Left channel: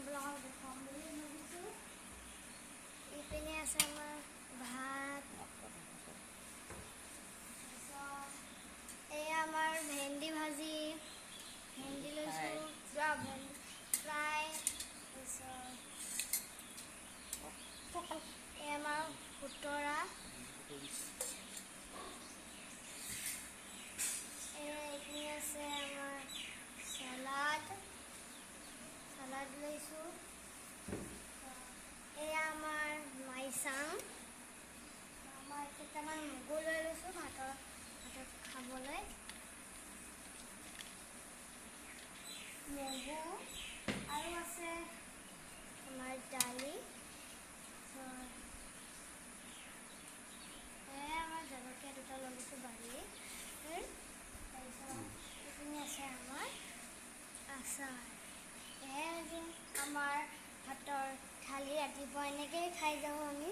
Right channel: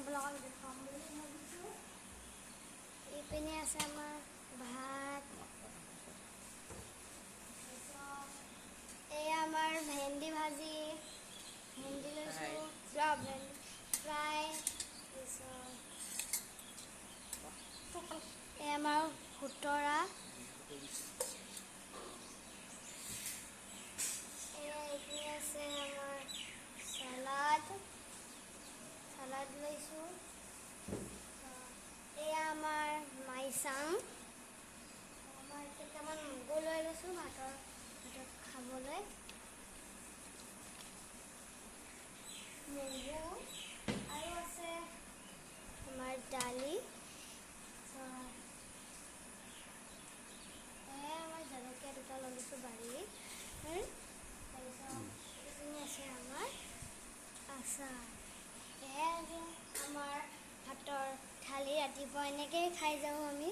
আপোনালোকক দেখুৱাম বুলি ভাবিছোঁ। এইপিনে আছে আমাৰ ভাত, এয়া আমাৰ ভেন্দি ভাজি, ভেন্দি লৈছোঁ, ভেন্দি ফ্ৰাই, এয়া আমাৰ খুতৰা, এইপিনে আছে আমাৰ চালাড লৈছোঁ, এয়া আমাৰ মাইচাং, আমাৰ কেইটামান মগু লৈ লৈছোঁ ভাতত খাবলৈ, মগু আৰু আছে আমাৰ দালি, আমাৰ জলকীয়া দুটা লৈ লৈছোঁ বাৰীৰ, তাৰপিছত এইপিনে আছে আমাৰ আচাৰ। এয়াই আজি আমাৰ ভাতৰ থালি, ৰাতিপুৱা এনেকৈয়ে খাই যাওঁ আমি।